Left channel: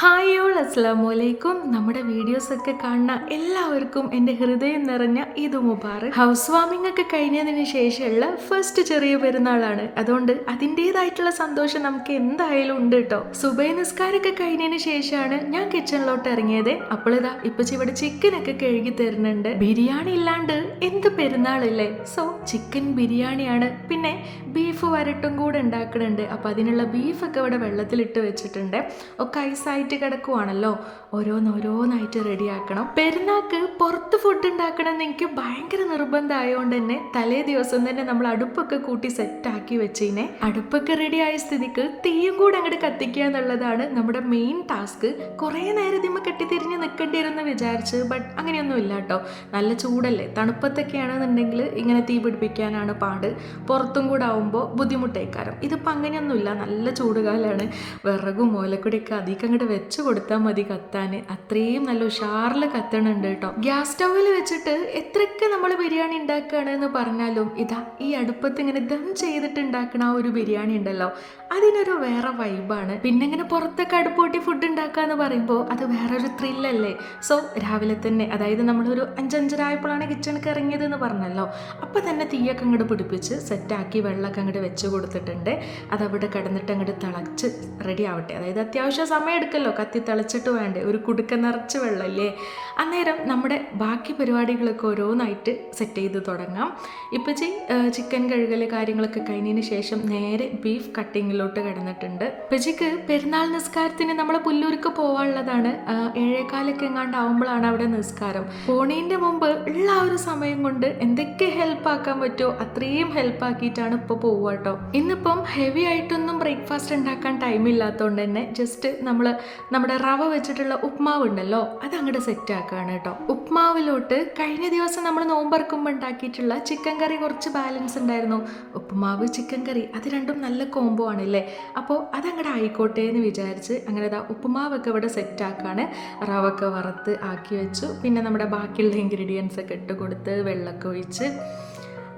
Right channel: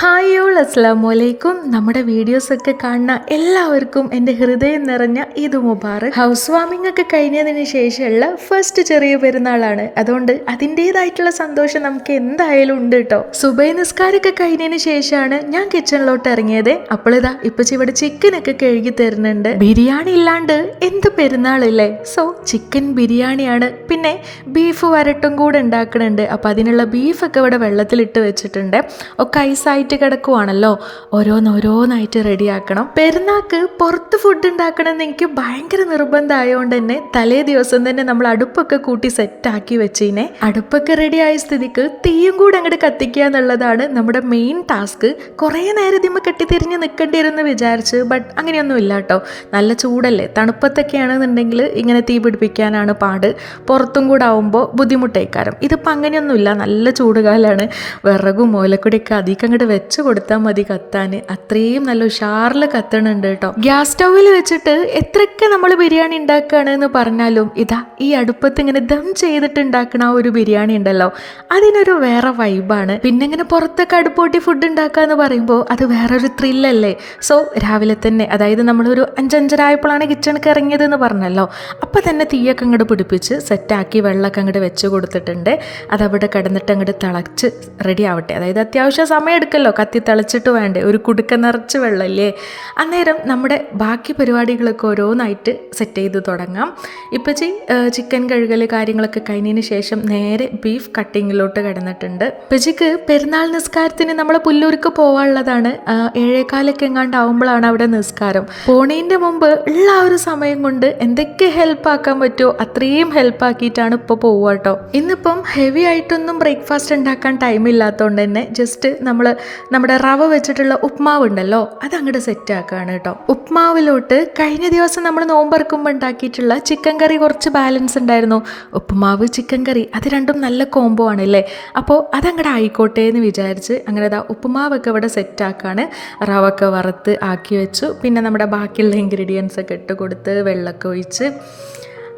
Hi all, അസ്സലാമലൈക്കും. നമ്മുടെ വീഡിയോസൊക്കെ കാണുന്ന എല്ലാവർക്കും എൻ്റെ ഹൃദയം നിറഞ്ഞ ഈദ് മുബാറക്. ഹൗസ് വാമിംഗ് ഒക്കെ കഴിഞ്ഞതിന് ശേഷമുള്ള ഫസ്റ്റ് ചെറിയ പെരുന്നാളാണ്. അതുകൊണ്ട് അതിൻ്റെതായിട്ടുള്ള സന്തോഷം നമുക്ക് എന്തായാലും ഉണ്ട് കേട്ടോ. സുബൈ നിസ്കാരമൊക്കെ കഴിഞ്ഞതിന് ശേഷമാണ് ഞാൻ കിച്ചണിലോട്ട് ഇറങ്ങിയത്. അപ്പോളിതാ ഇപ്പച്ചി ഇവിടെ ചിക്കനൊക്കെ കഴുകി തരുന്നുണ്ട്. ബിരിയാണി ഇല്ലാണ്ട് എന്ത് പെരുന്നാളില്ലേ. സോ ചിക്കൻ ബിരിയാണിയാണ്. പിന്നെ ബീഫ് വരട്ടും കൂടെ ഉണ്ടാക്കുന്നുണ്ട്. അപ്പോൾ അതിനുള്ള ബീഫൊക്കെ ഇവിടെ വെള്ളത്തിലിട്ട് വെച്ചിട്ടുണ്ട്. ഒക്കെ ഐസായിട്ട് കിടക്കുവാണല്ലോ. ഓരോന്നായിട്ട് റെഡിയാക്കണം. പെരുന്നാൾക്ക് പുറത്ത് ഫുഡ് ഉണ്ടാക്കണമെന്ന് എനിക്ക് ഭയങ്കര നിർബന്ധമായതുകൊണ്ട് തന്നെ തലേ ദിവസം തന്നെ നമ്മൾ അടുപ്പൊക്കെ കൂട്ടി സെറ്റാക്കി വെച്ചിനെ. അടുപ്പൊക്കെ റെഡി ആയ സ്ഥിതിക്ക് തീയും കൂടെ അങ്ങോട്ട് കത്തിക്കുക എന്നുള്ളതാണ് നമ്മുടെ മെയിൻ ടാസ്ക്. കുറേ നേരം ഇതിമ്മ കെട്ടിത്തിരിഞ്ഞ് നിൽക്കേണ്ടി വരുമെന്ന് വിചാരിച്ച്, ബട്ട് അങ്ങനെയൊന്നും ഇല്ല കേട്ടോ. നല്ല ചൂടല്ലേ. തണുപ്പത്തൊക്കെയാണെന്നുണ്ടെങ്കിൽ ഇങ്ങനെ തീ പിടിപ്പിക്കാനാണ് പാട്. പുറത്തും കൂടെ ആവുമ്പോൾ ബുദ്ധിമുട്ടേക്കാരം. ഇതിപ്പോൾ അങ്ങനെയൊന്നുമില്ല. നല്ല ചൂടുകാലാണ്. വിറകും ഓലക്കുടിയൊക്കെ അധികം അങ്ങോട്ട് വെച്ച് കൊടുത്താൽ മതി കത്താൻ. അത്രയും നല്ല ഉഷാറിൽ കത്തണുണ്ട് കേട്ടോ. ഗ്യാസ് സ്റ്റൗവിൽ വെച്ചിട്ട് എത്രയൊക്കെ നമ്മൾ ബിരിയാണി ഉണ്ടാക്കുകയാണെന്ന് പറഞ്ഞാലും ഇതാ ഈ അടുപ്പത്ത് ഇങ്ങനെ ദം ചെയ്തിട്ട് ഉണ്ടാക്കണ ആ ഒരു ബിരിയാണി ഉണ്ടല്ലോ, അതിനൊരു വേറെ വൈബാണ്. പിന്നെ ഇങ്ങനെ പുറത്തൊക്കെ അടുപ്പോട്ടി ഫുഡ് ഉണ്ടാക്കുക എന്ന് പറയുമ്പോൾ അത് വേറൊരു ത്രില്ലല്ലേ. സോ രാവിലെ തന്നെ, അതായത് നമ്മളൊരു 5:30 കിച്ചണിക്ക് ഇറങ്ങിയത് എന്ന് പറഞ്ഞല്ലോ, അപ്പം തന്നെ തീയൊക്കെ അങ്ങോട്ട് പിടിപ്പിച്ച് സെറ്റാക്കി വെള്ളമൊക്കെ അങ്ങോട്ട് വെച്ച് കൊടുത്തിട്ടുണ്ട്. അതവിടെ കിടന്നിട്ട് അങ്ങോട്ട് തിളച്ച് റെഡി ആവട്ടെ. അതായത് അത്യാവശ്യം സമയം എടുക്കല്ലോ, കത്തി തിളച്ചിട്ട് വേണ്ടേ. ഒരു കുടുക്ക നിറച്ച് വെള്ളമല്ലേ. അന്നേരം നമ്മുടെ ബാക്കി പരിപാടികളൊക്കെ ഓരോന്നായിട്ട് സെറ്റ് ചെയ്ത് തുടങ്ങാം. ഇപ്പച്ചി ചിക്കൻ കഴുകൽ കാര്യങ്ങളൊക്കെ കഴിഞ്ഞതിന് ശേഷം നേരെ ബീഫ് കട്ടിങ്ങിലോട്ട് കിടന്നിട്ടുണ്ട്. ഇപ്പച്ചിക്ക് പെരുന്നാൾ നിസ്കാരത്തിന് നമ്മളെ പുല്ലൂർക്ക് പോകാനുള്ളതാണ്. 7:15 എങ്ങാണ്ടാവുമ്പോഴാണ് അവിടെ നിസ്കാരം. പോണേൻ്റെ മുമ്പ് ഉള്ള ആ ഒരു സമയം കൊണ്ട് എന്തൊക്കെ ഹെൽപ്പാക്കാൻ പറ്റുമോ അത്രയും ഹെൽപ്പാക്കിയിട്ടാണ് ഇപ്പോൾ പോവുക കേട്ടോ. ഇന്നിപ്പം ഹെവി ആയിട്ടൊന്നും ബ്രേക്ക്ഫാസ്റ്റ് ഉണ്ടാക്കാൻ ടൈമില്ലാത്തതുകൊണ്ട് തന്നെ ജസ്റ്റ് നമ്മുടെ റവ വെച്ചിട്ടുള്ള ഉപ്മാവ് ഉണ്ടല്ലോ, അത് അങ്ങോട്ട് സെറ്റ് ആക്കുകയാണ് കേട്ടോ. ഉപ്മാവിലോട്ട് കഴിഞ്ഞ ദിവസം നമ്മൾ നോമ്പറക്കുമ്പോൾ ഉണ്ടാക്കിയിട്ടുള്ള ചിക്കൻ കറി കുറച്ച് ബാലൻസ് ഉണ്ടായിരുന്നു. ഉപ്മാവ് ചിക്കൻ കറി അത് രണ്ടും നല്ല കോംബോ ആണല്ലേ. അപ്പോൾ അതങ്ങോട്ട് ആയിക്കോട്ടെ എന്ന് വിചാരിച്ച് അങ്ങനെ ഉപ്മാവൊക്കെ ഇവിടെ സെറ്റ് ആക്കുകയാണ്. റവൊക്കെ വറുത്ത് ആക്കി വെച്ചു. പിന്നെ നമ്മുടെ ബാക്കിയുള്ള ഇൻഗ്രീഡിയൻസ് ഒക്കെ ഇട്ട് കൊടുത്ത് വെള്ളമൊക്കെ ഒഴിച്ച്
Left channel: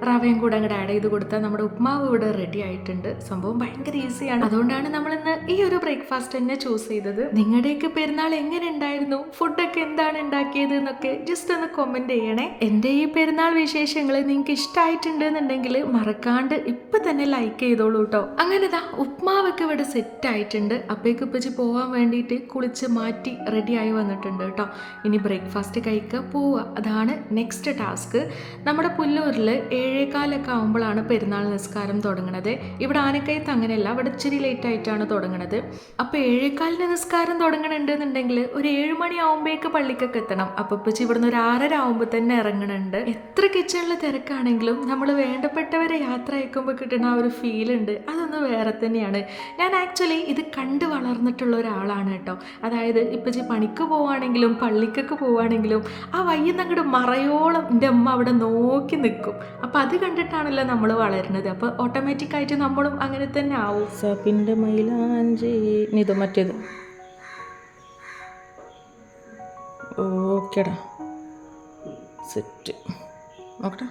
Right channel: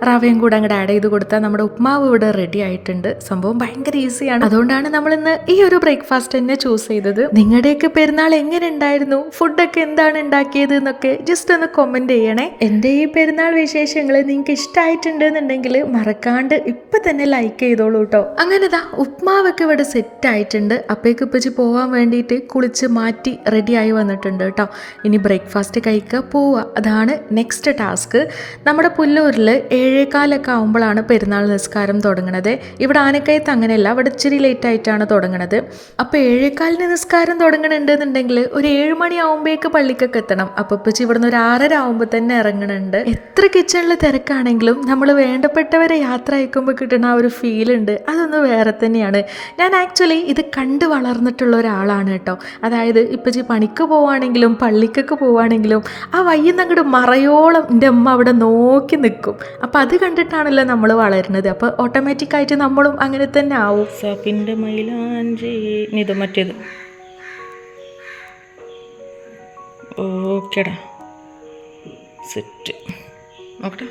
റവയും കൂടെ അങ്ങോട്ട് ആഡ് ചെയ്ത് കൊടുത്താൽ നമ്മുടെ ഉപ്മാവ് ഇവിടെ റെഡി ആയിട്ടുണ്ട്. സംഭവം ഭയങ്കര ഈസിയാണ്. അതുകൊണ്ടാണ് നമ്മളിന്ന് ഈ ഒരു ബ്രേക്ക്ഫാസ്റ്റ് തന്നെ ചൂസ് ചെയ്തത്. നിങ്ങളുടെയൊക്കെ പെരുന്നാൾ എങ്ങനെ ഉണ്ടായിരുന്നു, ഫുഡൊക്കെ എന്താണ് ഉണ്ടാക്കിയത് എന്നൊക്കെ ജസ്റ്റ് ഒന്ന് കമൻറ്റ് ചെയ്യണേ. എൻ്റെ ഈ പെരുന്നാൾ വിശേഷങ്ങൾ നിങ്ങൾക്ക് ഇഷ്ടമായിട്ടുണ്ട് എന്നുണ്ടെങ്കിൽ മറക്കാണ്ട് ഇപ്പം തന്നെ ലൈക്ക് ചെയ്തോളൂ കേട്ടോ. അങ്ങനെ ഉപ്മാവൊക്കെ ഇവിടെ സെറ്റ് ആയിട്ടുണ്ട്. അപ്പോഴേക്ക് ഇപ്പച്ചി പോകാൻ വേണ്ടിയിട്ട് കുളിച്ച് മാറ്റി റെഡിയായി വന്നിട്ടുണ്ട് കേട്ടോ. ഇനി ബ്രേക്ക്ഫാസ്റ്റ് കഴിക്കുക, പോവുക, അതാണ് നെക്സ്റ്റ് ടാസ്ക്. നമ്മുടെ പുല്ലൂരിൽ 7:15 ആകുമ്പോഴാണ് പെരുന്നാൾ നിസ്കാരം തുടങ്ങുന്നത്. ഇവിടെ ആനക്കയത്ത് അങ്ങനെയല്ല, അവിടെ ഇച്ചിരി ലേറ്റ് ആയിട്ടാണ് തുടങ്ങുന്നത്. അപ്പോൾ 7:15 നിസ്കാരം തുടങ്ങുന്നുണ്ടെന്നുണ്ടെങ്കിൽ ഒരു 7 മണി ആകുമ്പോഴേക്ക് പള്ളിക്കൊക്കെ എത്തണം. അപ്പോൾ ഇപ്പച്ചി ഇവിടുന്ന് ഒരു 6:30 ആകുമ്പോൾ തന്നെ ഇറങ്ങുന്നുണ്ട്. എത്ര കിച്ചണിൽ തിരക്കാണെങ്കിലും നമ്മൾ വേണ്ടപ്പെട്ടവരെ യാത്ര അയക്കുമ്പോൾ കിട്ടുന്ന ആ ഒരു ഫീലുണ്ട്, അതൊന്ന് വേറെ തന്നെയാണ്. ഞാൻ ആക്ച്വലി ഇത് കണ്ട് വളർന്നിട്ടുള്ള ഒരാളാണ് കേട്ടോ. അതായത് ഇപ്പച്ചി പണിക്ക് പോവുകയാണെങ്കിലും പള്ളിക്കൊക്കെ പോവുകയാണെങ്കിലും ആ വയ്യുന്ന അങ്ങോട്ട് മറയോളം എൻ്റെ അമ്മ അവിടെ നോക്കി നിൽക്കും. അപ്പോൾ അത് കണ്ടിട്ടാണല്ലോ നമ്മൾ വളരുന്നത്. അപ്പോൾ ഓട്ടോമാറ്റിക്കായിട്ട് നമ്മളും അങ്ങനെ തന്നെ ആവും. സഫിൻ്റെ മൈലാഞ്ചി ഇത് മറ്റേത് ഓക്കേടാ സെറ്റ് നോക്കട്ടെ.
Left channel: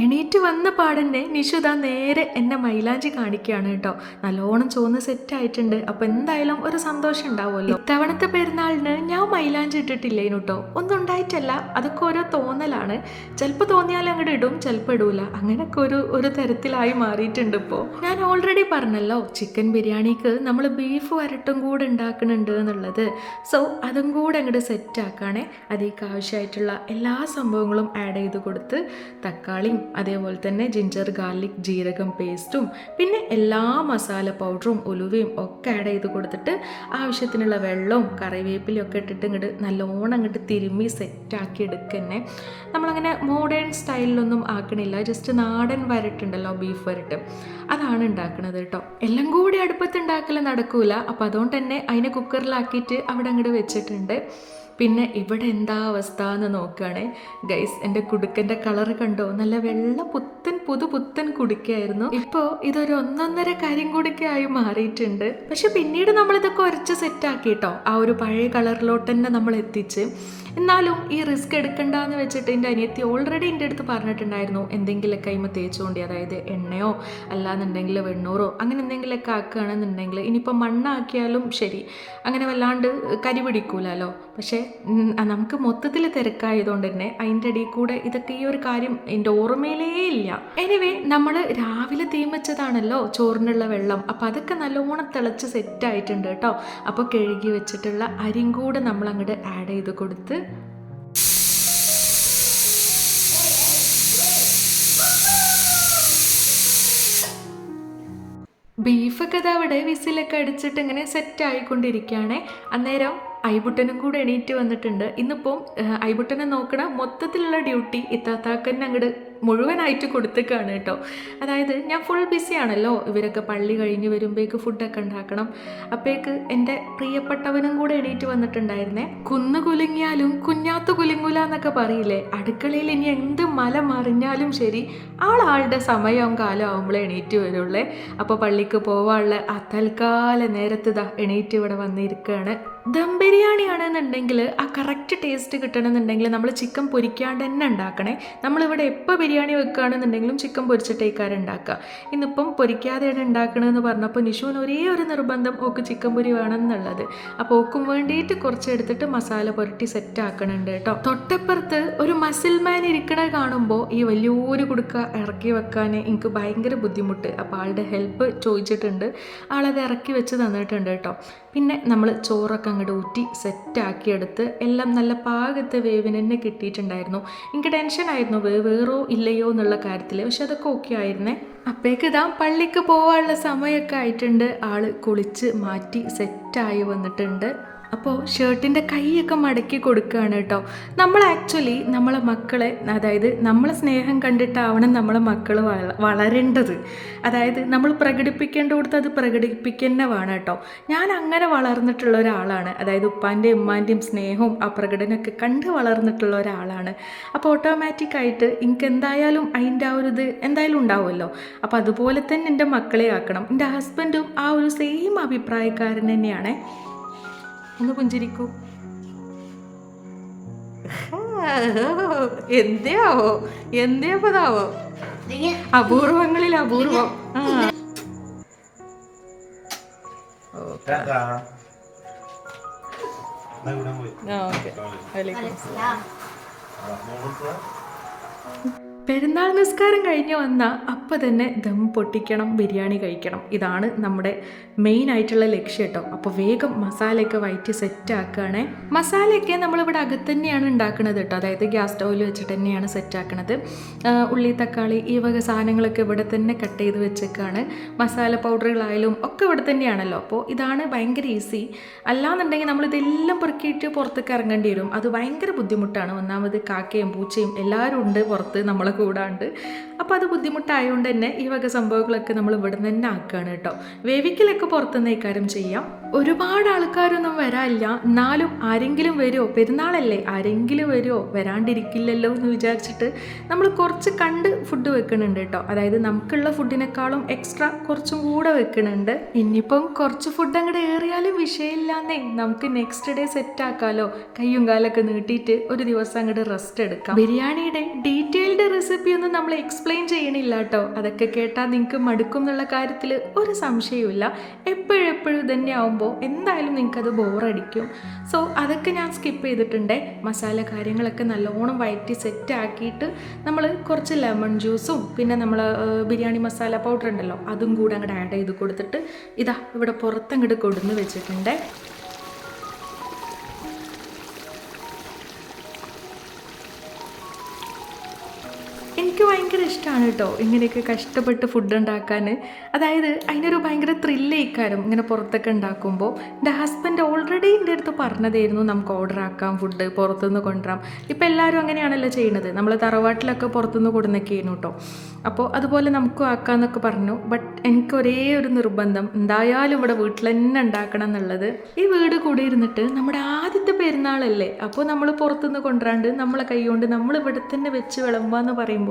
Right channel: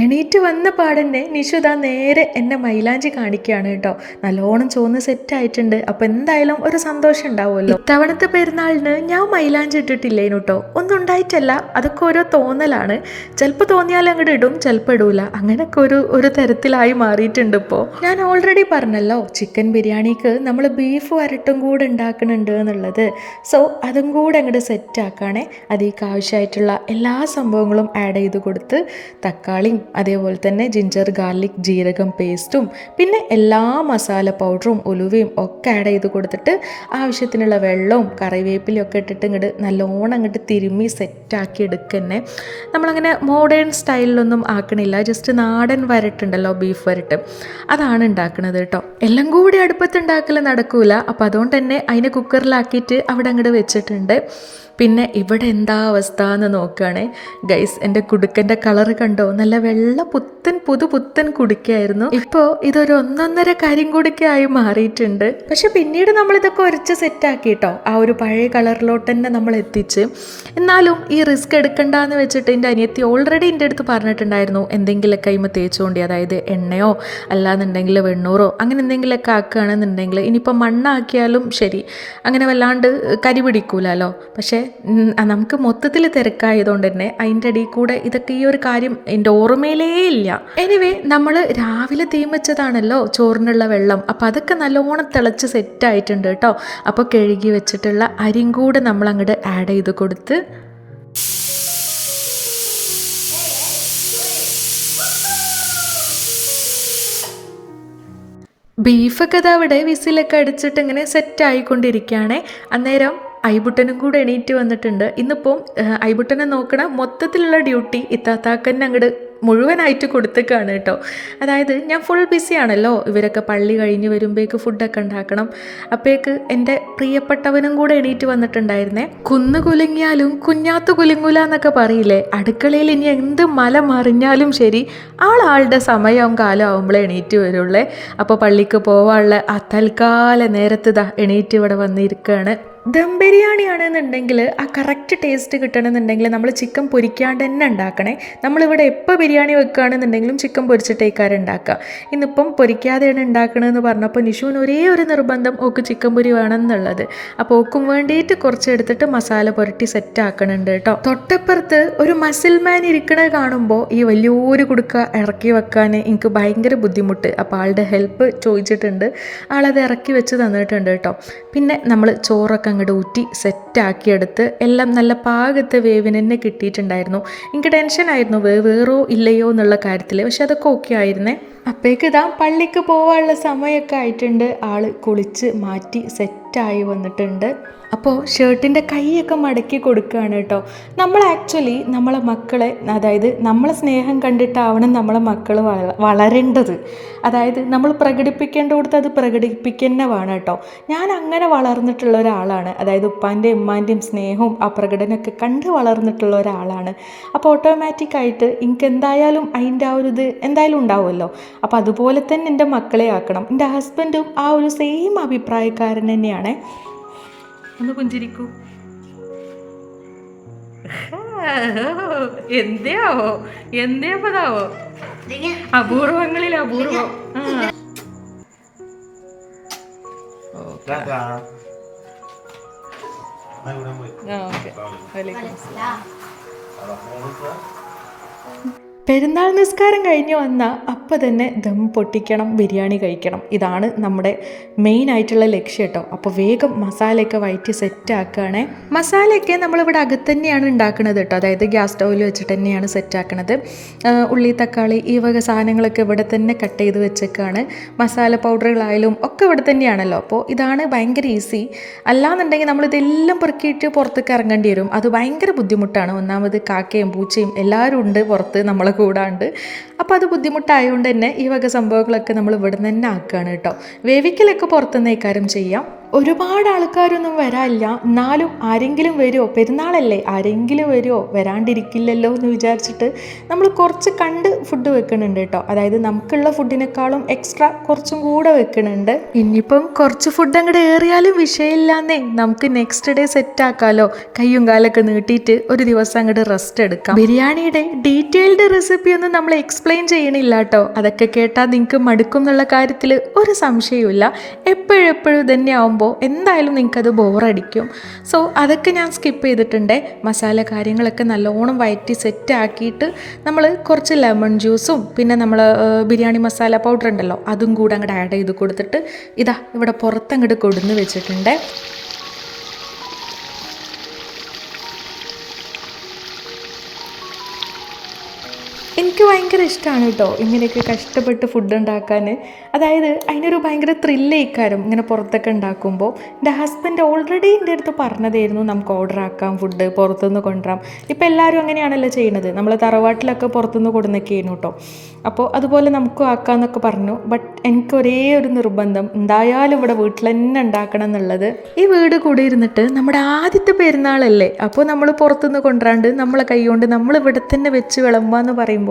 എണീറ്റ് വന്ന പാടന്നെ നിഷുദ നേരെ എന്നെ മൈലാഞ്ചി കാണിക്കുകയാണ് കേട്ടോ. നല്ലോണം ചോന്ന് സെറ്റായിട്ടുണ്ട്. അപ്പോൾ എന്തായാലും ഒരു സന്തോഷം ഉണ്ടാവുമല്ലോ. ഇത്തവണത്തെ പെരുന്നാളിന് ഞാൻ മൈലാഞ്ചി ഇട്ടിട്ടില്ലേനു കേട്ടോ. ഒന്നും ഉണ്ടായിട്ടല്ല, അതൊക്കെ ഓരോ തോന്നലാണ്. ചിലപ്പോൾ തോന്നിയാൽ അങ്ങോട്ട് ഇടും, ചിലപ്പോൾ ഇടൂല. അങ്ങനെയൊക്കെ ഒരു തരത്തിലായി മാറിയിട്ടുണ്ട് ഇപ്പോൾ. ഞാൻ ഓൾറെഡി പറഞ്ഞല്ലോ ചിക്കൻ ബിരിയാണിക്ക് നമ്മൾ ബീഫ് വരട്ടും കൂടെ ഉണ്ടാക്കുന്നുണ്ട് എന്നുള്ളത്. സോ അതും കൂടെ അങ്ങോട്ട് സെറ്റാക്കുകയാണെ അതിലേക്ക് ആവശ്യമായിട്ടുള്ള എല്ലാ സംഭവങ്ങളും ആഡ് ചെയ്ത് കൊടുത്ത് തക്കാളിയും അതേപോലെ തന്നെ ജിഞ്ചർ ഗാർലിക് ജീരകം പേസ്റ്റും പിന്നെ എല്ലാ മസാല പൗഡറും ഉലുവയും ഒക്കെ ആഡ് ചെയ്ത് കൊടുത്തിട്ട് ആവശ്യത്തിനുള്ള വെള്ളവും കറിവേപ്പിലയും ഒക്കെ ഇട്ടിട്ട് ഇങ്ങോട്ട് നല്ലോണം അങ്ങോട്ട് തിരുമ്മി സെറ്റാക്കി എടുക്കന്നെ. നമ്മളങ്ങനെ മോഡേൺ സ്റ്റൈലിലൊന്നും ആക്കണില്ല, ജസ്റ്റ് നാടൻ വരട്ടുണ്ടല്ലോ, ബീഫ് വരട്ട്, അതാണ് ഉണ്ടാക്കുന്നത് കേട്ടോ. എല്ലാം കൂടി അടുപ്പത്ത് ഉണ്ടാക്കൽ നടക്കൂല, അപ്പോൾ അതുകൊണ്ട് തന്നെ അതിനെ കുക്കറിലാക്കിയിട്ട് അവിടെ അങ്ങോട്ട് വെച്ചിട്ടുണ്ട്. പിന്നെ ഇവിടെ എന്താ അവസ്ഥ എന്ന് നോക്കുകയാണെ ഗൈസ്, എൻ്റെ കുടുക്കൻ്റെ കളറ് കണ്ടോ, നല്ല വെള്ള പുത്തൻ കുടുക്കയായിരുന്നു. ഇപ്പോൾ ഇതൊരു 1.5 കരിങ്കുടുക്കയായി മാറിയിട്ടുണ്ട്. പക്ഷെ പിന്നീട് നമ്മളിതൊക്കെ ഉരച്ച് സെറ്റാക്കി കേട്ടോ, ആ ഒരു പഴയ കളറിലോട്ട് തന്നെ നമ്മൾ എത്തിച്ച്. എന്നാലും ഈ റിസ്ക് എടുക്കണ്ടെന്ന് വെച്ചിട്ട് എൻ്റെ അനിയത്തി ഓൾറെഡി എൻ്റെ അടുത്ത് പറഞ്ഞിട്ടുണ്ടായിരുന്നു, എന്തെങ്കിലുമൊക്കെ കൈമ തേച്ചുകൊണ്ടി, അതായത് എണ്ണയോ അല്ലാന്നുണ്ടെങ്കിൽ വെണ്ണൂറോ അങ്ങനെ എന്തെങ്കിലുമൊക്കെ ആക്കുകയാണെന്നുണ്ടെങ്കിൽ ഇനിയിപ്പോൾ മണ്ണാക്കിയാലും ശരി, അങ്ങനെ വല്ലാണ്ട് കരി പിടിക്കൂലല്ലോ. പക്ഷേ നമുക്ക് മൊത്തത്തിൽ തിരക്കായതുകൊണ്ട് തന്നെ അതിൻ്റെ ഇടയിൽ കൂടെ ഇതൊക്കെ ഈ ഒരു കാര്യം എൻ്റെ ഓർമ്മയിലേ ഇല്ല. എനിവേ നമ്മൾ രാവിലെ തീമച്ചതാണല്ലോ ചോറിനുള്ള വെള്ളം, അപ്പോൾ അതൊക്കെ നല്ലോണം തിളച്ച് സെറ്റായിട്ടുണ്ട് കേട്ടോ. അപ്പോൾ കഴുകി വെച്ചിട്ടുള്ള അരിയും കൂടെ നമ്മൾ അങ്ങോട്ട് ആഡ് ചെയ്ത് കൊടുത്ത് ബീഫൊക്കെ അവിടെ വിസിലൊക്കെ അടിച്ചിട്ട് ഇങ്ങനെ സെറ്റായിക്കൊണ്ടിരിക്കുകയാണ്. അന്നേരം ഐബുട്ടനും കൂടെ എണീറ്റ് വന്നിട്ടുണ്ട്. ഇന്നിപ്പം ഐബുട്ടനെ നോക്കണ മൊത്തത്തിലുള്ള ഡ്യൂട്ടി ഇത്താത്താക്കന്നെ അങ്ങോട്ട് മുഴുവനായിട്ട് കൊടുത്തേക്കാണ് കേട്ടോ. അതായത് ഞാൻ ഫുൾ ബിസിയാണല്ലോ, ഇവരൊക്കെ പള്ളി കഴിഞ്ഞ് വരുമ്പോഴേക്ക് ഫുഡൊക്കെ ഉണ്ടാക്കണം. അപ്പോഴേക്ക് എൻ്റെ പ്രിയപ്പെട്ടവനും കൂടെ എണീറ്റ് വന്നിട്ടുണ്ടായിരുന്നേ. കുന്നു കുലുങ്ങിയാലും കുഞ്ഞാത്ത് കുലുങ്ങൂല എന്നൊക്കെ പറയില്ലേ, അടുക്കളയിൽ ഇനി എന്ത് മല മറിഞ്ഞാലും ശരി ആളുടെ സമയവും കാലം ആവുമ്പോഴേ എണീറ്റ് വരുള്ളേ. അപ്പോൾ പള്ളിക്ക് പോവാനുള്ള ആ തൽക്കാല നേരത്ത് എണീറ്റ് ഇവിടെ വന്നിരിക്കുകയാണ്. ദം ബിരിയാണി ആണെന്നുണ്ടെങ്കിൽ ആ കറക്റ്റ് ടേസ്റ്റ് കിട്ടണമെന്നുണ്ടെങ്കിൽ നമ്മൾ ചിക്കൻ പൊരിക്കാണ്ട് തന്നെ ഉണ്ടാക്കണേ. നമ്മളിവിടെ എപ്പോൾ ബിരിയാണി വെക്കുകയാണെന്നുണ്ടെങ്കിലും ചിക്കൻ പൊരിച്ചിട്ടേക്കാരം ഉണ്ടാക്കുക. ഇന്നിപ്പം പൊരിക്കാതെയാണ് ഉണ്ടാക്കണമെന്ന് പറഞ്ഞപ്പോൾ നിഷുവിന് ഒരേ ഒരു നിർബന്ധം, ഓക്ക് ചിക്കൻ പൊരി വേണമെന്നുള്ളത്. അപ്പോൾ ഓക്കും വേണ്ടിയിട്ട് കുറച്ച് എടുത്തിട്ട് മസാല പുരട്ടി സെറ്റ് ആക്കണുണ്ട് കേട്ടോ. തൊട്ടപ്പുറത്ത് ഒരു മസിൽ മാൻ ഇരിക്കണത് കാണുമ്പോൾ ഈ വലിയൊരു കുടുക്ക ഇറക്കി വെക്കാൻ എനിക്ക് ഭയങ്കര ബുദ്ധിമുട്ട്. അപ്പോൾ ആളുടെ ഹെൽപ്പ് ചോദിച്ചിട്ടുണ്ട്, ആളത് ഇറക്കി വെച്ച് തന്നിട്ടുണ്ട് കേട്ടോ. പിന്നെ നമ്മൾ ചോറൊക്കെ അങ്ങോട്ട് ഊറ്റി സെറ്റാക്കിയെടുത്ത് എല്ലാം നല്ല പാകത്തെ വേവിന് തന്നെ കിട്ടിയിട്ടുണ്ടായിരുന്നു. എനിക്ക് ടെൻഷനായിരുന്നു വേറോ ഇല്ലയോ എന്നുള്ള കാര്യത്തിൽ, പക്ഷെ അതൊക്കെ ഓക്കെ ആയിരുന്നേ. അപ്പോഴേക്ക് പള്ളിക്ക് പോകാനുള്ള സമയമൊക്കെ ആയിട്ടുണ്ട്. ആൾ കുളിച്ച് മാറ്റി സെറ്റായി വന്നിട്ടുണ്ട്. അപ്പോൾ ഷർട്ടിൻ്റെ കൈയൊക്കെ മടക്കി കൊടുക്കുകയാണ് കേട്ടോ. നമ്മൾ ആക്ച്വലി നമ്മളെ മക്കളെ, അതായത് നമ്മളെ സ്നേഹം കണ്ടിട്ടാവണം നമ്മളെ മക്കൾ വളരേണ്ടത്. അതായത് നമ്മൾ പ്രകടിപ്പിക്കേണ്ട കൊടുത്ത് അത് പ്രകടിപ്പിക്കുന്ന വേണം കേട്ടോ. ഞാൻ അങ്ങനെ വളർന്നിട്ടുള്ള ഒരാളാണ്, അതായത് ഉപ്പാൻ്റെയും ഉമ്മാൻ്റെയും സ്നേഹവും ആ പ്രകടനമൊക്കെ കണ്ട് വളർന്നിട്ടുള്ള ഒരാളാണ്. അപ്പോൾ ഓട്ടോമാറ്റിക്കായിട്ട് എനിക്ക് എന്തായാലും അതിൻ്റെ ആ ഒരു ഇത് എന്തായാലും ഉണ്ടാവുമല്ലോ. അപ്പോൾ അതുപോലെ തന്നെ എൻ്റെ മക്കളെ ആക്കണം. എൻ്റെ ഹസ്ബൻഡും ആ ഒരു സെയിം അഭിപ്രായക്കാരൻ തന്നെയാണ്. ഒന്ന് പുഞ്ചിരിക്കൂ. എന്തേപ്പതാവോ അപൂർവങ്ങളിൽ അപൂർവം. പെരുന്നാൾ നിസ്കാരം കഴിഞ്ഞ് വന്ന അപ്പം തന്നെ ദം പൊട്ടിക്കണം, ബിരിയാണി കഴിക്കണം. ഇതാണ് നമ്മുടെ മെയിൻ ആയിട്ടുള്ള ലക്ഷ്യം കേട്ടോ. അപ്പോൾ വേഗം മസാലയൊക്കെ വയറ്റി സെറ്റാക്കുകയാണേ. മസാലയൊക്കെ നമ്മളിവിടെ അകത്ത് തന്നെയാണ് ഉണ്ടാക്കുന്നത് കേട്ടോ, അതായത് ഗ്യാസ് സ്റ്റൗവിൽ വെച്ചിട്ട് തന്നെയാണ് സെറ്റാക്കണത്. ഉള്ളി തക്കാളി ഈ വക സാധനങ്ങളൊക്കെ ഇവിടെ തന്നെ കട്ട് ചെയ്ത് വെച്ചേക്കാണ്. മസാല പൗഡറുകളായാലും ഒക്കെ ഇവിടെ തന്നെയാണല്ലോ. അപ്പോൾ ഇതാണ് ഭയങ്കര ഈസി. അല്ലാന്നുണ്ടെങ്കിൽ നമ്മളിതെല്ലാം പെറുക്കിയിട്ട് പുറത്തേക്ക് ഇറങ്ങേണ്ടി വരും. അത് ഭയങ്കര ബുദ്ധിമുട്ടാണ്. ഒന്നാമത് കാക്കയും പൂച്ചയും എല്ലാവരും ഉണ്ട് പുറത്ത് നമ്മളെ കൂടാണ്ട്. അപ്പോൾ അത് ബുദ്ധിമുട്ടായതുകൊണ്ട് തന്നെ ഈ വക സംഭവങ്ങളൊക്കെ നമ്മൾ ഇവിടെ നിന്ന് തന്നെ ആക്കുകയാണ് കേട്ടോ. വേവിക്കലൊക്കെ പുറത്തുനിന്ന് ഇക്കാര്യം ചെയ്യാം. ഒരുപാട് ആൾക്കാരൊന്നും വരാനില്ല, എന്നാലും ആരെങ്കിലും വരുമോ, പെരുന്നാളല്ലേ ആരെങ്കിലും വരുമോ, വരാണ്ടിരിക്കില്ലല്ലോ എന്ന് വിചാരിച്ചിട്ട് നമ്മൾ കുറച്ച് കണ്ട് ഫുഡ് വെക്കുന്നുണ്ട് കേട്ടോ. അതായത് നമുക്കുള്ള ഫുഡിനേക്കാളും എക്സ്ട്രാ കുറച്ചും കൂടെ വെക്കുന്നുണ്ട്. ഇനിയിപ്പം കുറച്ച് ഫുഡ് അങ്ങോട്ട് ഏറിയാലും വിഷയമില്ലാന്നേ, നമുക്ക് നെക്സ്റ്റ് ഡേ സെറ്റ് ആക്കാമല്ലോ. കയ്യും കാലൊക്കെ നീട്ടിയിട്ട് ഒരു ദിവസം അങ്ങോട്ട് റെസ്റ്റ് എടുക്കാം. ബിരിയാണിയുടെ ഡീറ്റെയിൽഡ് റെസിപ്പി ഒന്നും നമ്മൾ എക്സ്പ്ലെയിൻ ചെയ്യണില്ല കേട്ടോ. അതൊക്കെ കേട്ടാൽ നിങ്ങൾക്ക് മടുക്കും എന്നുള്ള കാര്യത്തിൽ ഒരു സംശയവുമില്ല. എപ്പോഴും തന്നെ ആവുമ്പോൾ എന്തായാലും നിങ്ങൾക്കത് ബോറടിക്കും. സോ അതൊക്കെ ഞാൻ സ്കിപ്പ് ചെയ്തിട്ടുണ്ട്. മസാല കാര്യങ്ങളൊക്കെ നല്ലോണം വയറ്റി സെറ്റ് ആക്കിയിട്ട് നമ്മൾ കുറച്ച് ലെമൺ ജ്യൂസും പിന്നെ നമ്മൾ ബിരിയാണി മസാല പൗഡർ ഉണ്ടല്ലോ അതും കൂടെ അങ്ങോട്ട് ആഡ് ചെയ്ത് കൊടുത്തിട്ട് ഇവിടെ പുറത്തങ്ങോട്ട് കൊടുന്ന് വെച്ചിട്ടുണ്ട്. എനിക്ക് ഭയങ്കര ഇഷ്ടമാണ് കേട്ടോ ഇങ്ങനെയൊക്കെ കഷ്ടപ്പെട്ട് ഫുഡ് ഉണ്ടാക്കാൻ. അതായത് അതിനൊരു ഭയങ്കര ത്രില്ലേക്കാരും ഇങ്ങനെ പുറത്തൊക്കെ ഉണ്ടാക്കുമ്പോൾ. എൻ്റെ ഹസ്ബൻഡ് ഓൾറെഡി എൻ്റെ അടുത്ത് പറഞ്ഞതായിരുന്നു നമുക്ക് ഓർഡർ ആക്കാം, ഫുഡ് പുറത്തുനിന്ന് കൊണ്ടുവരാം. ഇപ്പോൾ എല്ലാവരും അങ്ങനെയാണല്ലോ ചെയ്യുന്നത്. നമ്മൾ തറവാട്ടിലൊക്കെ പുറത്തുനിന്ന് കൊടുന്നൊക്കെയായിരുന്നു കേട്ടോ. അപ്പോൾ അതുപോലെ നമുക്കും ആക്കാമെന്നൊക്കെ പറഞ്ഞു. ബട്ട് എനിക്ക് ഒരേ ഒരു നിർബന്ധം, എന്തായാലും ഇവിടെ വീട്ടിൽ തന്നെ ഉണ്ടാക്കണം എന്നുള്ളത്. ഈ വീട് കൂടി ഇരുന്നിട്ട് നമ്മുടെ ആദ്യത്തെ പെരുന്നാളല്ലേ, അപ്പോൾ നമ്മൾ പുറത്തുനിന്ന് കൊണ്ടുവരാണ്ട് നമ്മളെ കൈകൊണ്ട് നമ്മൾ ഇവിടെ തന്നെ വെച്ച് വിളമ്പാന്ന് പറയുമ്പോൾ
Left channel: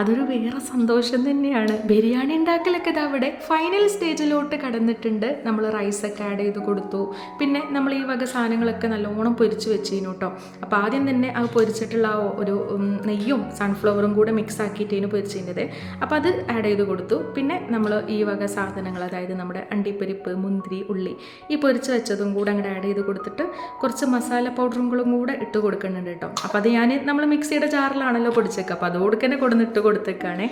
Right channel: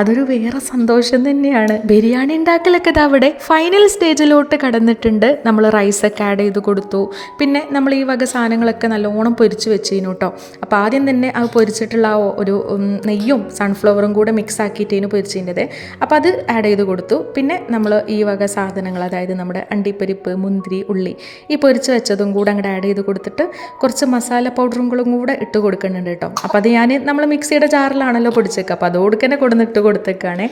അതൊരു വേറെ സന്തോഷം തന്നെയാണ്. ബിരിയാണി ഉണ്ടാക്കലൊക്കെ ഇത് അവിടെ ഫൈനൽ സ്റ്റേജിലോട്ട് കടന്നിട്ടുണ്ട്. നമ്മൾ റൈസൊക്കെ ആഡ് ചെയ്ത് കൊടുത്തു. പിന്നെ നമ്മൾ ഈ വക സാധനങ്ങളൊക്കെ നല്ലോണം പൊരിച്ച് വെച്ചിരുന്നു കേട്ടോ. അപ്പോൾ ആദ്യം തന്നെ അത് പൊരിച്ചിട്ടുള്ള ഒരു നെയ്യും സൺഫ്ലവറും കൂടെ മിക്സ് ആക്കിയിട്ടേന് പൊരിച്ചിരുന്നത്. അപ്പോൾ അത് ആഡ് ചെയ്ത് കൊടുത്തു. പിന്നെ നമ്മൾ ഈ വക സാധനങ്ങൾ, അതായത് നമ്മുടെ അണ്ടിപ്പരിപ്പ്, മുന്തിരി, ഉള്ളി, ഈ പൊരിച്ച് വെച്ചതും കൂടെ അങ്ങോട്ട് ആഡ് ചെയ്ത് കൊടുത്തിട്ട് കുറച്ച് മസാല പൗഡറും കൂടെ ഇട്ട് കൊടുക്കുന്നുണ്ട് കേട്ടോ. അപ്പോൾ അത് നമ്മൾ മിക്സിയുടെ ജാറിലാണല്ലോ പൊടിച്ചേക്കുക, അപ്പോൾ അതോടെ തന്നെ കൊടുന്നിട്ട് കൊടുത്തേക്കാണ്.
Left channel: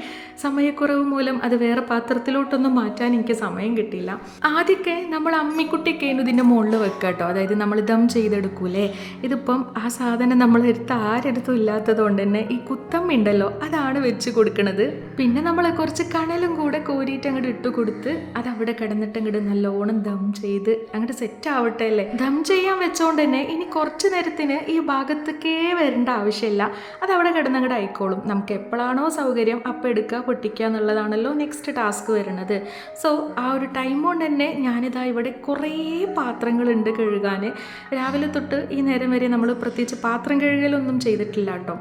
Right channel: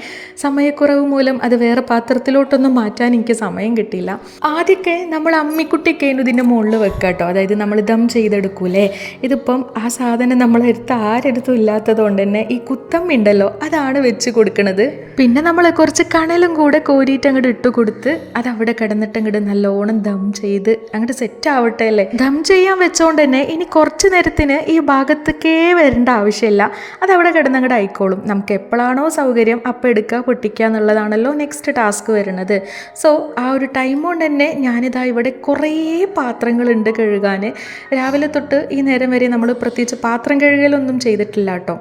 സമയക്കുറവ് മൂലം അത് വേറെ പാത്രത്തിലോട്ടൊന്നും മാറ്റാൻ എനിക്ക് സമയം കിട്ടിയില്ല. ആദ്യമൊക്കെ നമ്മൾ അമ്മിക്കുട്ടിയൊക്കെ ഇതിൻ്റെ മുകളിൽ വെക്കുക കേട്ടോ. അതായത് നമ്മൾ ദം ചെയ്തെടുക്കൂലേ, ഇതിപ്പം ആ സാധനം നമ്മളെടുത്ത് ആരെടുത്തും ഇല്ലാത്തത് കൊണ്ട് തന്നെ ഈ കുത്തമ്മുണ്ടല്ലോ അതാണ് വെച്ച് കൊടുക്കുന്നത്. പിന്നെ നമ്മൾ കുറച്ച് കണലും കൂടെ കോരിയിട്ട് അങ്ങോട്ട് ഇട്ട് കൊടുത്ത് അതവിടെ കിടന്നിട്ട് അങ്ങോട്ട് നല്ലോണം ദം ചെയ്ത് അങ്ങോട്ട് സെറ്റ് ആവട്ടെ അല്ലേ. ദം ചെയ്യാൻ വെച്ചോണ്ട് തന്നെ ഇനി കുറച്ച് നേരത്തിന് ഈ ഭാഗത്തേക്കേ വരേണ്ട ആവശ്യമില്ല, അതവിടെ കിടന്ന് അങ്ങോട്ട് ആയിക്കോളും. നമുക്ക് എപ്പോഴാണോ സൗകര്യം അപ്പോൾ എടുക്കുക, പൊട്ടിക്കുക എന്നുള്ളതാണല്ലോ നെക്സ്റ്റ് ടാസ്ക് വരുന്നത്. സോ ആ ഒരു ടൈം കൊണ്ട് തന്നെ ഞാനിതാ ഇവിടെ കുറേ പാത്രങ്ങളുണ്ട് കഴുകാൻ. രാവിലെ തൊട്ട് ഈ നേരം വരെ നമ്മൾ പ്രത്യേകിച്ച് പാത്രം കഴുകലൊന്നും ചെയ്തിട്ടില്ല കേട്ടോ.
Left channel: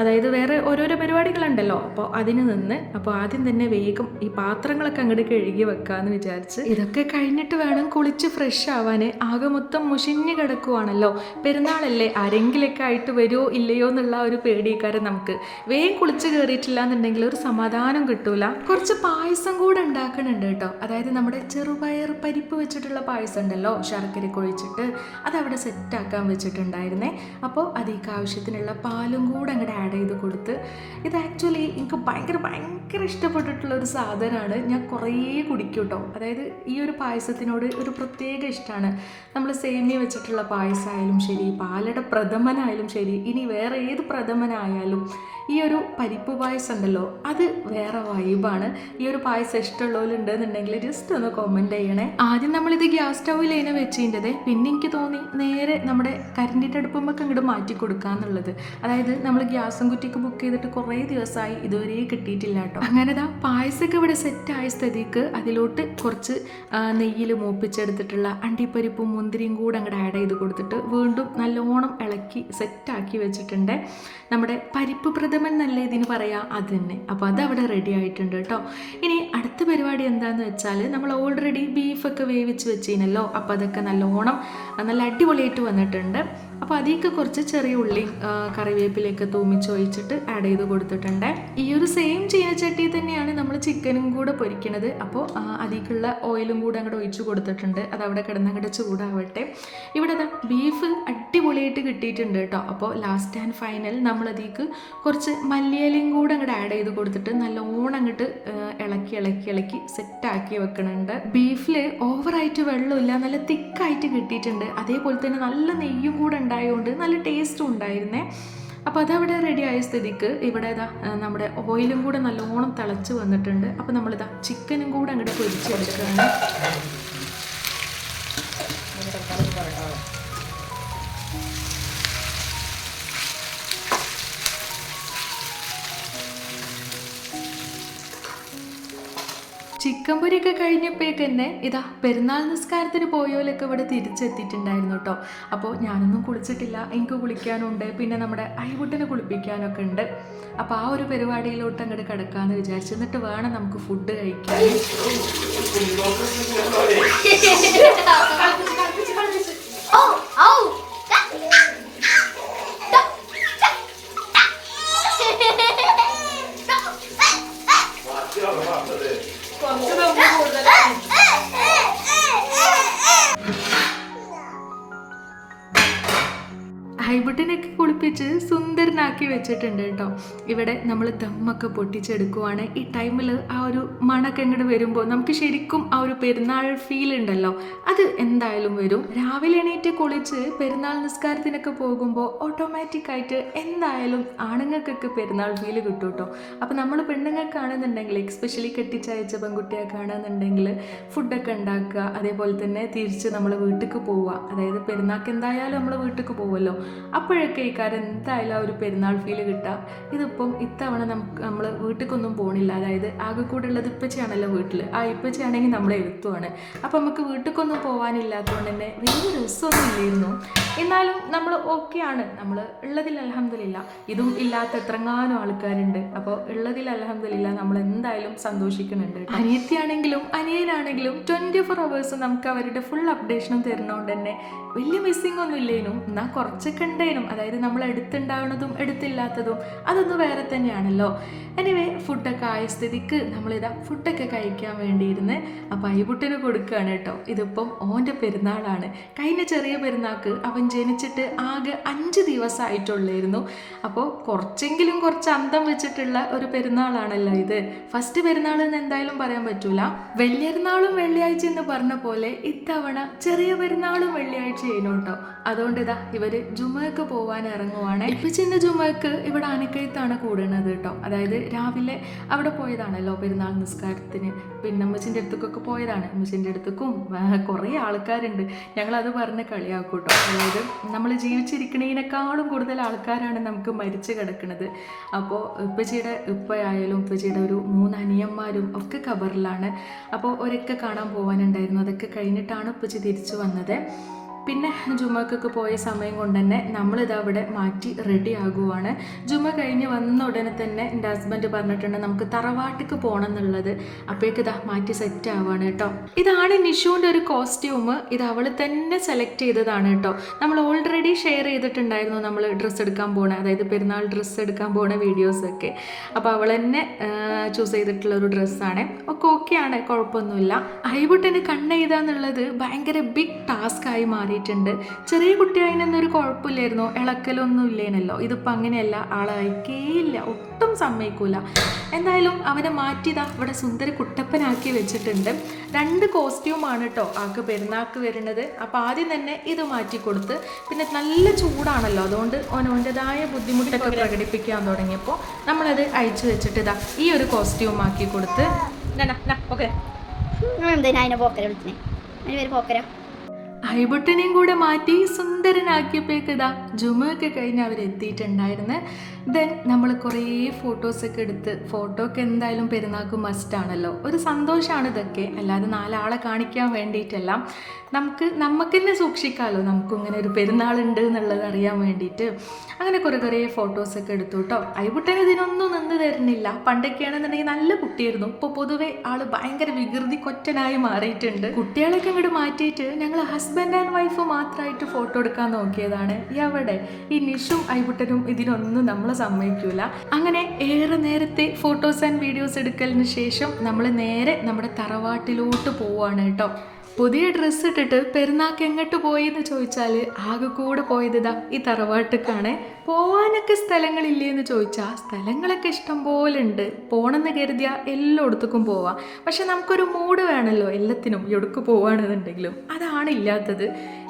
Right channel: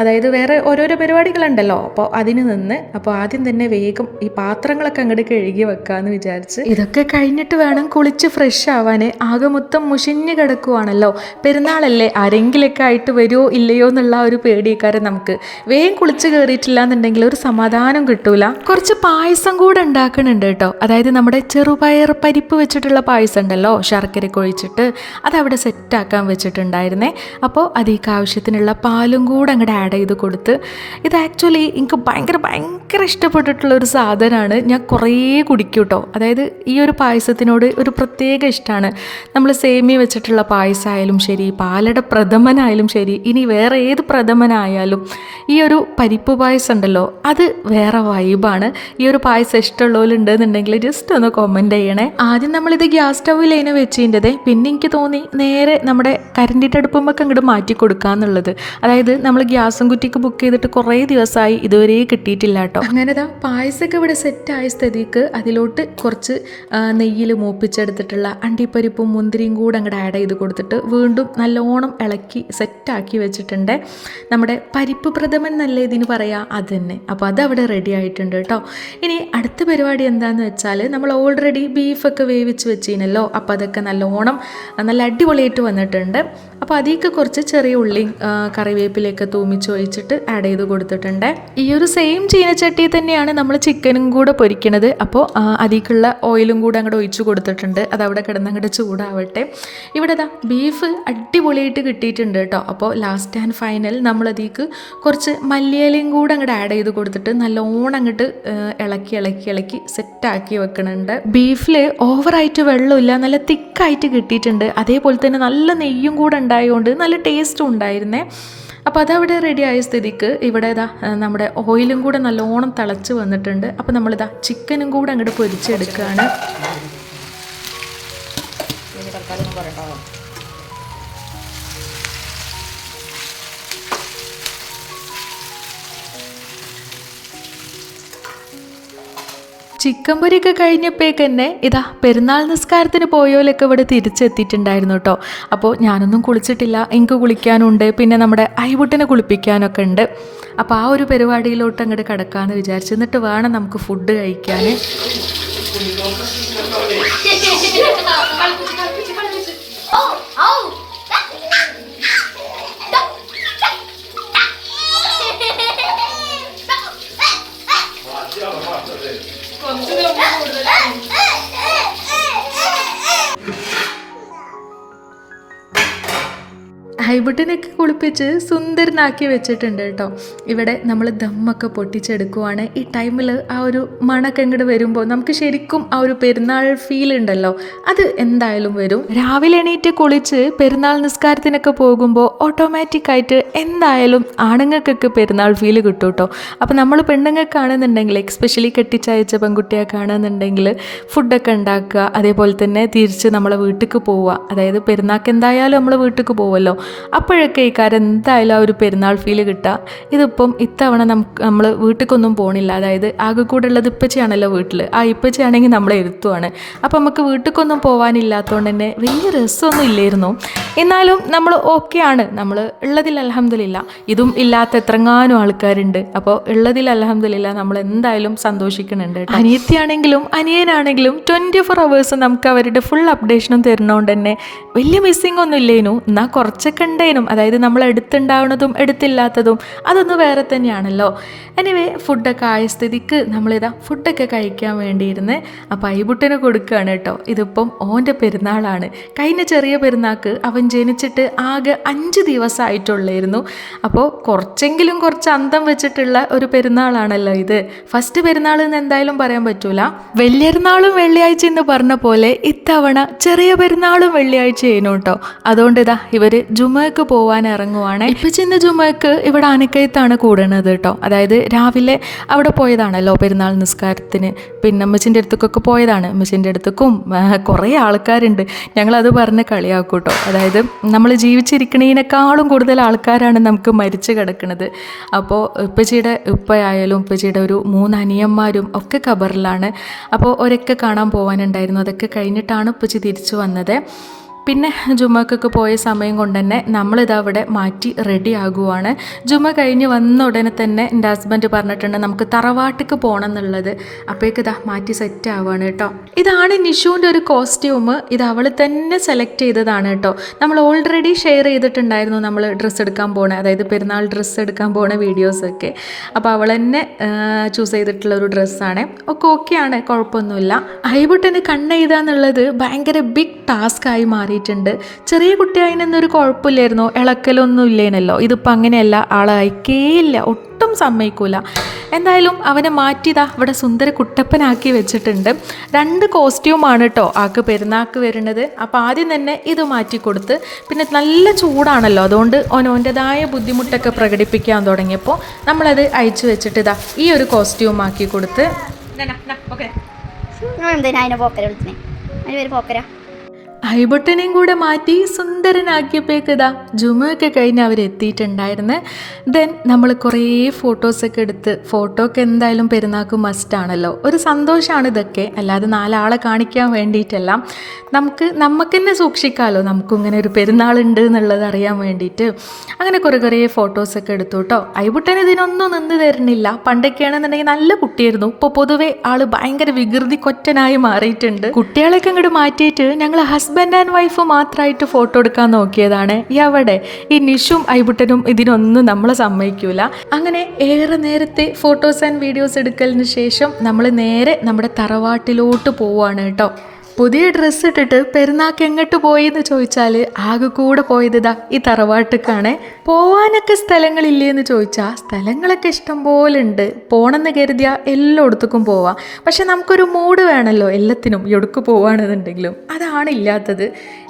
അതായത് വേറെ ഓരോരോ പരിപാടികളുണ്ടല്ലോ, അപ്പോൾ അതിന് നിന്ന് അപ്പോൾ ആദ്യം തന്നെ വേഗം ഈ പാത്രങ്ങളൊക്കെ അങ്ങോട്ട് കഴുകി വെക്കാമെന്ന് വിചാരിച്ച്. ഇതൊക്കെ കഴിഞ്ഞിട്ട് വേണം കുളിച്ച് ഫ്രഷ് ആവാൻ. ആകെ മൊത്തം മുഷിഞ്ഞ് കിടക്കുവാണല്ലോ. പെരുന്നാളല്ലേ, ആരെങ്കിലൊക്കെ ആയിട്ട് വരുമോ ഇല്ലയോ എന്നുള്ള ഒരു പേടിക്കാരം നമുക്ക്. വേഗം കുളിച്ച് കയറിയിട്ടില്ല എന്നുണ്ടെങ്കിൽ ഒരു സമാധാനം കിട്ടൂല. കുറച്ച് പായസം കൂടെ ഉണ്ടാക്കുന്നുണ്ട് കേട്ടോ. അതായത് നമ്മുടെ ചെറുപയർ പരിപ്പ് വെച്ചിട്ടുള്ള പായസം ഉണ്ടല്ലോ, ശർക്കരയൊക്കെ ഒഴിച്ചിട്ട് അതവിടെ സെറ്റാക്കാൻ വെച്ചിട്ടുണ്ടായിരുന്നേ. അപ്പോൾ അതിലേക്ക് ആവശ്യത്തിനുള്ള പാലും കൂടെ അങ്ങോട്ട് ആഡ് ചെയ്ത് കൊടുത്ത്. ഇത് ആക്ച്വലി എനിക്ക് ഭയങ്കര ഇഷ്ടപ്പെട്ടിട്ടുള്ളൊരു സാധനമാണ്. ഞാൻ കുറേ കുടിക്കും കേട്ടോ. അതായത് ഈ ഒരു പായസത്തിനോട് ഒരു പ്രത്യേക ഇഷ്ടമാണ്. നമ്മൾ സേമിയ വെച്ചിട്ടുള്ള പായസമായാലും ശരി, പാലട പ്രഥമനായാലും ശരി, ഇനി വേറെ ഏത് പ്രഥമനായാലും ഈ ഒരു പരിപ്പ് പായസം ഉണ്ടല്ലോ അത് വേറെ വൈബാണ്. ഈ ഒരു പായസം ഇഷ്ടമുള്ളവരുണ്ടെന്നുണ്ടെങ്കിൽ ജസ്റ്റ് ഒന്ന് കമൻറ്റ് ചെയ്യണേ. ആദ്യം നമ്മളിത് ഗ്യാസ് സ്റ്റൗവിലേനെ വെച്ചിൻ്റെത്, പിന്നെ എനിക്ക് തോന്നി നേരെ നമ്മുടെ കരണ്ടിൻ്റെ അടുപ്പുമ്പൊക്കെ അങ്ങോട്ട് മാറ്റി കൊടുക്കാന്നുള്ളത്. അതായത് നമ്മൾ ഗ്യാസും കുറ്റിക്ക് ബുക്ക് ചെയ്തിട്ട് കുറേ ദിവസമായി, ഇതുവരെ കിട്ടിയിട്ടില്ല കേട്ടോ. അങ്ങനെതാ പായസമൊക്കെ ഇവിടെ സെറ്റായ സ്ഥിതിക്ക് അതിലോട്ട് കുറച്ച് നെയ്യിൽ മൂപ്പിച്ചെടുത്തിട്ടുള്ള അണ്ടിപ്പരിപ്പും മുന്തിരിയും കൂടെ അങ്ങോട്ട് ആഡ് ചെയ്ത് കൊടുത്തിട്ട് വീണ്ടും നല്ലോണം ഇളക്കി സെറ്റാക്കി വെച്ചിട്ടുണ്ട്. നമ്മുടെ പരിപ്പ് പ്രഥമൻ എന്നല്ലേ ഇതിന് പറയാം, അത് തന്നെ. അപ്പോൾ അതവിടെ റെഡി ആയിട്ടുണ്ട് കേട്ടോ. ഇനി അടുത്ത പരിപാടി എന്താണെന്ന് വെച്ചാൽ നമ്മൾ ഓൾറെഡി ബീഫൊക്കെ വേവിച്ച് വെച്ചിരുന്നല്ലോ, അപ്പോൾ അതൊക്കെ നല്ലോണം നല്ല അടിപൊളിയായിട്ട് വന്നിട്ടുണ്ട്. അപ്പോൾ അതിലേക്ക് കുറച്ച് ചെറിയ ഉള്ളിയും കറിവേപ്പിലയൊക്കെ തൂമിച്ച് ഒഴിച്ചിട്ട് ആഡ് ചെയ്ത് കൊടുത്തിട്ടുണ്ട്. ഈ ഒരു സെയിം ചീനച്ചട്ടി തന്നെയാണ് നമ്മൾ ചിക്കനും കൂടെ പൊരിക്കണത്. അപ്പോൾ അതിലേക്കുള്ള ഓയിലും കൂടെ അങ്ങോട്ട് ഒഴിച്ച് കൊടുത്തിട്ടുണ്ട്. അതവിടെ കിടന്ന് അങ്ങോട്ട് ചൂടാവട്ടെ. ഇവിടെ ബീഫ് അടിപൊളിയായിട്ട് കിട്ടിയിട്ടുണ്ട് കേട്ടോ. അപ്പോൾ ലാസ്റ്റ് ആൻഡ് ഫൈനൽ നമ്മളതിലേക്ക് കുറച്ച് മല്ലിയിലയും കൂടെ അങ്ങോട്ട് ആഡ് ചെയ്ത് കൊടുത്തിട്ട് നല്ലോണം അങ്ങോട്ട് ഇളക്കി സെറ്റാക്കി വെക്കണുണ്ട്. ബീഫിൽ ഓവറായിട്ട് വെള്ളമില്ല, നല്ല തിക്കായിട്ട് കിട്ടിയിട്ടുണ്ട്. അതേപോലെ തന്നെ നല്ല നെയ്യും കൂടെ ഉണ്ടായതുകൊണ്ട് നല്ല ടേസ്റ്റും ഉണ്ടായിരുന്നേ. അപ്പോൾ അതവിടെ റെഡി ആയ സ്ഥിതിക്ക് ഇവിടെ നമ്മുടെ ഓയിലും കൂടെ നല്ലോണം തിളച്ച് വന്നിട്ടുണ്ട്. അപ്പോൾ നമ്മളിതാ ചിക്കനും കൂടെ അങ്ങോട്ട് പൊരിച്ചെടുക്കുകയാണ്. ചിക്കൻ പൊരിയൊക്കെ കഴിഞ്ഞപ്പോഴേക്ക് തന്നെ പെരുന്നാൾ നിസ്കാരത്തിന് പോയോലൊക്കെ ഇവിടെ തിരിച്ചെത്തിയിട്ടുണ്ടായിരുന്നു കേട്ടോ. അപ്പോൾ ഞാനൊന്നും കുളിച്ചിട്ടില്ല, എനിക്ക് കുളിക്കാനുണ്ട്, പിന്നെ നമ്മുടെ ഐവുട്ടിനെ കുളിപ്പിക്കാനൊക്കെ ഉണ്ട്. അപ്പോൾ ആ ഒരു പരിപാടിയിലോട്ട് അങ്ങോട്ട് കിടക്കാമെന്ന് വിചാരിച്ചു. എന്നിട്ട് വേണം നമുക്ക് ഫുഡ് കഴിക്കാൻ. ഹൈബുട്ടിനൊക്കെ കുളിപ്പിച്ച് സുന്ദരനാക്കി വെച്ചിട്ടുണ്ട് കേട്ടോ. ഇവിടെ നമ്മൾ ദമ്മൊക്കെ പൊട്ടിച്ചെടുക്കുവാണ്. ഈ ടൈമിൽ ആ ഒരു മണക്കെ ഇങ്ങോട്ട് വരുമ്പോൾ നമുക്ക് ശരിക്കും ആ ഒരു പെരുന്നാൾ ഫീൽ ഉണ്ടല്ലോ, അത് എന്തായാലും വരും. രാവിലെ എണീറ്റ് കുളിച്ച് പെരുന്നാൾ നിസ്കാരത്തിനൊക്കെ പോകുമ്പോൾ ഓട്ടോമാറ്റിക്കായിട്ട് എന്തായാലും ആണുങ്ങൾക്കൊക്കെ പെരുന്നാൾ ഫീൽ കിട്ടും കേട്ടോ. അപ്പോൾ നമ്മൾ പെണ്ണുങ്ങൾക്കാണെന്നുണ്ടെങ്കിൽ, എക്സ്പെഷ്യലി കെട്ടിച്ചയച്ച പെൺകുട്ടിയൊക്കെയാണെന്നുണ്ടെങ്കിൽ ഫുഡൊക്കെ ഉണ്ടാക്കുക, അതേപോലെ തന്നെ തിരിച്ച് നമ്മളെ വീട്ടിലേക്ക് പോവുക. അതായത് പെരുന്നാൾക്ക് എന്തായാലും നമ്മൾ വീട്ടിലേക്ക് പോവുമല്ലോ, അപ്പോഴൊക്കെ ഈ കാര്യം എന്തായാലും ആ ഒരു പെരുന്നാൾ ഫീൽ കിട്ടുക. ഇതിപ്പം ഇത്തവണ നമ്മൾ വീട്ടിലേക്കൊന്നും പോകണില്ല. അതായത് ആകെ കൂടെ ഉള്ളത് ഇപ്പച്ചയാണല്ലോ വീട്ടിൽ. ആ ഇപ്പച്ചയാണെങ്കിൽ നമ്മളെ ഇരുത്തുവാണ്. അപ്പോൾ നമുക്ക് വീട്ടിലേക്കൊന്നും പോകാനില്ലാത്തതുകൊണ്ട് തന്നെ വലിയ രസമൊന്നും ഇല്ലായിരുന്നു. എന്നാലും നമ്മൾ ഓക്കെയാണ്, നമ്മൾ ഉള്ളതിൽ അൽഹംദുലില്ലാ. ഇതും ഇല്ലാത്ത എത്രങ്ങാനും ആൾക്കാരുണ്ട്. അപ്പോൾ ഉള്ളതിൽ അൽഹംദുലില്ലാ നമ്മൾ എന്തായാലും സന്തോഷിക്കുന്നുണ്ട്. അനിയത്തിയാണെങ്കിലും അനിയനാണെങ്കിലും 24 hours നമുക്ക് അവരുടെ ഫുൾ അപ്ഡേഷനും തരുന്നതുകൊണ്ട് തന്നെ വലിയ മിസ്സിങ് ഒന്നും ഇല്ലേനു. എന്നാൽ കുറച്ചൊക്കെ ഉണ്ടേനും. അതായത് നമ്മൾ എടുത്തുണ്ടാവുന്നതും എടുത്തില്ലാത്തതും അതൊന്നും വേറെ തന്നെയാണല്ലോ. എനിവേ ഫുഡൊക്കെ ആയ സ്ഥിതിക്ക് നമ്മളിതാ ഫുഡൊക്കെ കഴിക്കാൻ വേണ്ടിയിരുന്ന് അപ്പോൾ ഐബുട്ടിന് കൊടുക്കുകയാണ് കേട്ടോ. ഇതിപ്പം ഓൻ്റെ പെരുന്നാളാണ്. കഴിഞ്ഞ ചെറിയ പെരുന്നാൾക്ക് അവൻ ജനിച്ചിട്ട് ആകെ 5 ദിവസമായിട്ടുള്ളായിരുന്നു. അപ്പോൾ കുറച്ചെങ്കിലും കുറച്ച് അന്തം വെച്ചിട്ടുള്ള ഒരു പെരുന്നാളാണല്ലോ ഇത്. ഫസ്റ്റ് പെരുന്നാൾ എന്ന് എന്തായാലും പറയാൻ പറ്റൂല. വലിയൊരുനാളും വെള്ളിയാഴ്ച എന്ന് പറഞ്ഞ പോലെ ഇത്തവണ ചെറിയ പെരുന്നാളും വെള്ളിയാഴ്ച ചെയ്യുന്നു കേട്ടോ. അതുകൊണ്ട് ഇതാ ഇവർ ജുമക്ക് പോകാൻ ഇറങ്ങുവാണ്. ഇപ്പം ചെന്ന ജുമക്ക് ഇവിടെ ആനക്കയത്താണ് കൂടണത് കേട്ടോ. അതായത് രാവിലെ അവിടെ പോയതാണല്ലോ പെരുന്നാൾ നിസ്കാരത്തിന്. പിന്നെ അമ്മച്ചിൻ്റെ അടുത്തേക്കൊക്കെ പോയതാണ്. അമ്മച്ചിൻ്റെ അടുത്തേക്കും കുറേ ആൾക്കാരുണ്ട്. ഞങ്ങളത് പറഞ്ഞ് കളിയാക്കും കേട്ടോ. അതായത് നമ്മൾ ജീവിച്ചിരിക്കണതിനേക്കാളും കൂടുതൽ ആൾക്കാരാണ് നമുക്ക് മരിച്ചു കിടക്കുന്നത്. അപ്പോൾ ഉപ്പച്ചിയുടെ ഉപ്പയായാലും ഉപ്പച്ചിയുടെ ഒരു 3 അനിയന്മാരും ഒക്കെ ഖബറിലാണ്. അപ്പോൾ ഒരൊക്കെ കാണാൻ പോകാനുണ്ടായിരുന്നു. അതൊക്കെ കഴിഞ്ഞിട്ടാണ് ഉപ്പച്ചി തിരിച്ചു വന്നത്. പിന്നെ ജുമക്കൊക്കെ പോയ സമയം കൊണ്ട് തന്നെ നമ്മളിതാ അവിടെ മാറ്റി റെഡി ആകുവാണ്. ജുമ കഴിഞ്ഞ് വന്ന ഉടനെ തന്നെ എൻ്റെ ഹസ്ബൻഡ് പറഞ്ഞിട്ടുണ്ട് നമുക്ക് തറവാട്ടിക്ക് പോകണം എന്നുള്ളത്. അപ്പോഴേക്ക് ഇതാ മാറ്റി സെറ്റ് ആവുകയാണ് കേട്ടോ. ഇതാണ് നിഷുവിൻ്റെ ഒരു കോസ്റ്റ്യൂം. ഇത് അവൾ തന്നെ സെലക്ട് ചെയ്തതാണ് കേട്ടോ. നമ്മൾ ഓൾറെഡി ഷെയർ ചെയ്തിട്ടുണ്ടായിരുന്നു നമ്മൾ ഡ്രസ്സ് എടുക്കാൻ പോകണേ, അതായത് പെരുന്നാൾ ഡ്രസ്സ് എടുക്കാൻ പോണ വീഡിയോസൊക്കെ. അപ്പോൾ അവൾ തന്നെ ചൂസ് ചെയ്തിട്ടുള്ള ഒരു ഡ്രസ്സാണ്. ഒക്കെ ഓക്കെയാണ്, കുഴപ്പമൊന്നുമില്ല. ഐബുട്ടിന് കണ്ണെഴുതുക എന്നുള്ളത് ഭയങ്കര ബിഗ് ടാസ്ക് ആയി മാറി. ചെറിയ കുട്ടിയായിനൊന്നൊരു കുഴപ്പമില്ലായിരുന്നു, ഇളക്കലൊന്നും ഇല്ലേനല്ലോ. ഇതിപ്പോൾ അങ്ങനെയല്ല, ആളെ അയക്കേയില്ല, ഒട്ടും സമ്മതിക്കൂല. എന്തായാലും അവനെ മാറ്റിയതാ ഇവിടെ സുന്ദര കുട്ടപ്പനാക്കി വെച്ചിട്ടുണ്ട്. 2 കോസ്റ്റ്യൂമാണ് കേട്ടോ ആൾക്ക് പെരുന്നാൾക്ക് വരുന്നത്. അപ്പോൾ ആദ്യം തന്നെ ഇത് മാറ്റി കൊടുത്ത്, പിന്നെ നല്ല ചൂടാണല്ലോ, അതുകൊണ്ട് ഓൻ്റെതായ ബുദ്ധിമുട്ടൊക്കെ പ്രകടിപ്പിക്കാൻ തുടങ്ങിയപ്പോൾ നമ്മളത് അയച്ചു വെച്ചിട്ട് ഇതാ ഈ ഒരു കോസ്റ്റ്യൂം ആക്കി കൊടുത്ത്. ഓക്കെ ഐബുട്ടിനെയും കൂടെ മാറ്റി സുന്ദരനാക്കിയപ്പോഴേക്കിതാ ജുമയൊക്കെ കഴിഞ്ഞ് അവരെത്തിയിട്ടുണ്ടായിരുന്നു. ദെൻ നമ്മൾ കുറേ ഫോട്ടോസൊക്കെ എടുത്ത്, ഫോട്ടോ ഒക്കെ എന്തായാലും പെരുന്നാൾക്ക് മസ്റ്റാണല്ലോ. ഒരു സന്തോഷമാണ് ഇതൊക്കെ, അല്ലാതെ 4 ആളെ കാണിക്കാൻ വേണ്ടിയിട്ടല്ല. നമുക്ക് തന്നെ സൂക്ഷിക്കാമല്ലോ, നമുക്കിങ്ങനെ ഒരു പെരുന്നാളുണ്ട് എന്നുള്ളത് അറിയാൻ വേണ്ടിയിട്ട്. അങ്ങനെ കുറേ ഫോട്ടോസൊക്കെ എടുത്തു കേട്ടോ. ഐബുട്ടൻ ഇതിനൊന്നും നിന്ന് തരുന്നില്ല. പണ്ടൊക്കെയാണെന്നുണ്ടെങ്കിൽ നല്ല കുട്ടിയായിരുന്നു. ഇപ്പോൾ പൊതുവേ ആൾ ഭയങ്കര വികൃതി കൊറ്റനായി മാറിയിട്ടുണ്ട്. കുട്ടികളൊക്കെ അങ്ങോട്ട് മാറ്റിയിട്ട് ഞങ്ങൾ ഹസ്ബൻഡ് ആൻഡ് വൈഫ് മാത്രമായിട്ട് ഫോട്ടോ എടുക്കാൻ നോക്കിയതാണ്. എവിടെ ഈ നിഷും ഐബുട്ടനും ഇതിനൊന്നും നമ്മളെ സമ്മതിക്കൂല. അങ്ങനെ ഏറെ നേരത്തെ ഫോട്ടോസ് ആൻഡ് വീഡിയോസ് എടുക്കലിന് ശേഷം നമ്മൾ നേരെ നമ്മുടെ തറവാട്ടിലോട്ട് പോവുകയാണ് കേട്ടോ. പുതിയ ഡ്രസ്സ് ഇട്ടിട്ട് പെരുന്നാൾക്ക് എങ്ങോട്ട് പോയി എന്ന് ചോദിച്ചാൽ ആകെ കൂടെ പോയതാ ഈ തറവാട്ടിക്കാണ്. പോവാനൊക്കെ സ്ഥലങ്ങളില്ലേ എന്ന് ചോദിച്ചാൽ സ്ഥലങ്ങളൊക്കെ ഇഷ്ടം പോലെ ഉണ്ട്. പോകണമെന്ന് കരുതിയാൽ എല്ലായിടത്തേക്കും പോവാം. പക്ഷെ നമുക്കൊരു മൂഡ് വേണമല്ലോ എല്ലാത്തിനും, എവിടേക്ക് പോവുകയാണെന്നുണ്ടെങ്കിലും. അതാണ് ഇല്ലാത്തത്.